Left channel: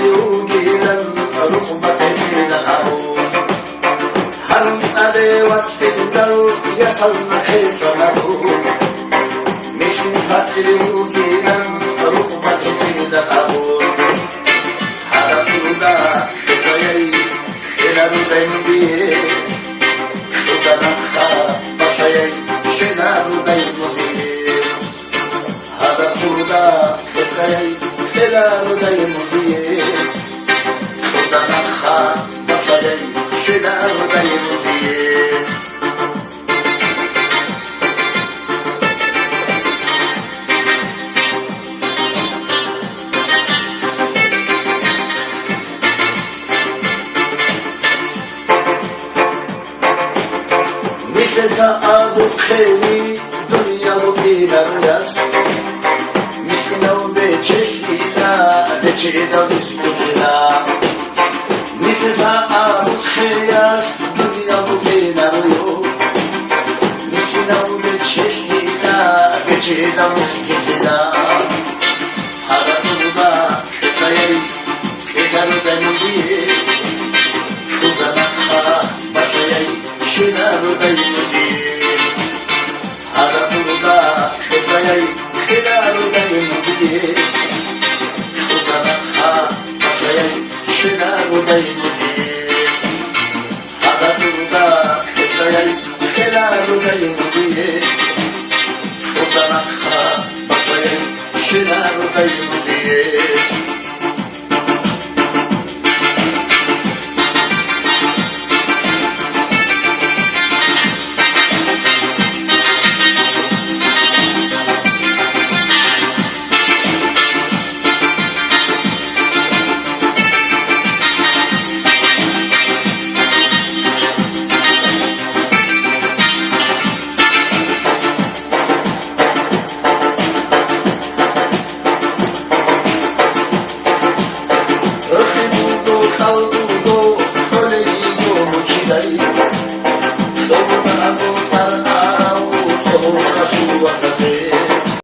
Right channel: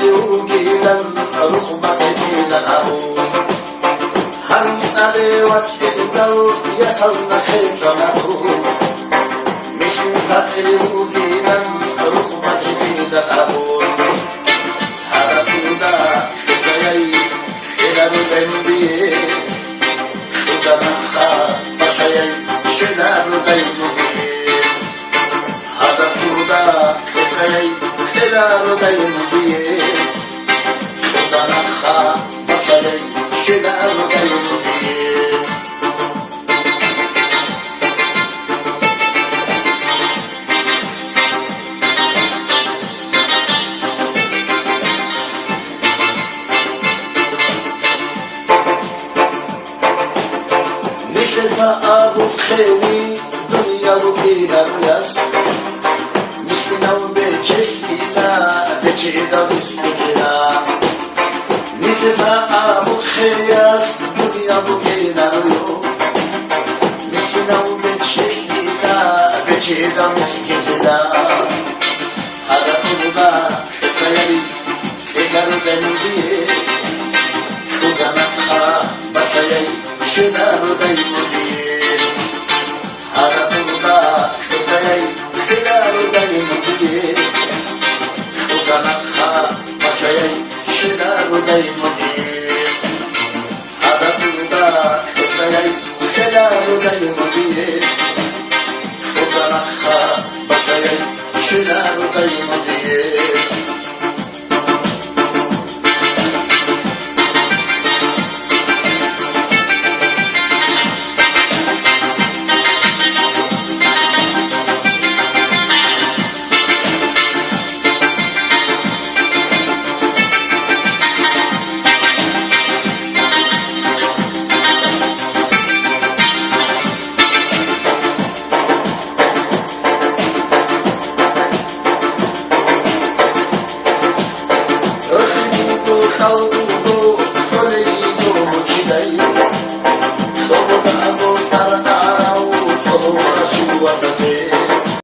الوجيلا ركبة إلى الأرض هل أدوت إلدل يصلنا كيف له مثل الوجيلا ركبة إلى الأرض هل أدوت شجعي إلى البندي شجعنا بشيء شنار دينه هذا كودا شجعي Helal odayım diye Şuradan akha başlayayım Helal odayım diye Nişte saabu kheli Dünya bu kilar yaz Miskinav beçek Çiğda bismillah Nitza bu khiyas Dünya bu kenarıyor Miskinav beçida bismillah Haratımda şekayı Şeker benim diye Şuradan akha başlayayım Şener benim diye Haratımda şekayı Şener benim diye Şener benim diye Hadatımda şeker Şener benim diye Şuradan akha başlayayım Şener benim diye Kaldudo, soleyido, chidai, todo da botar arau, todo da sua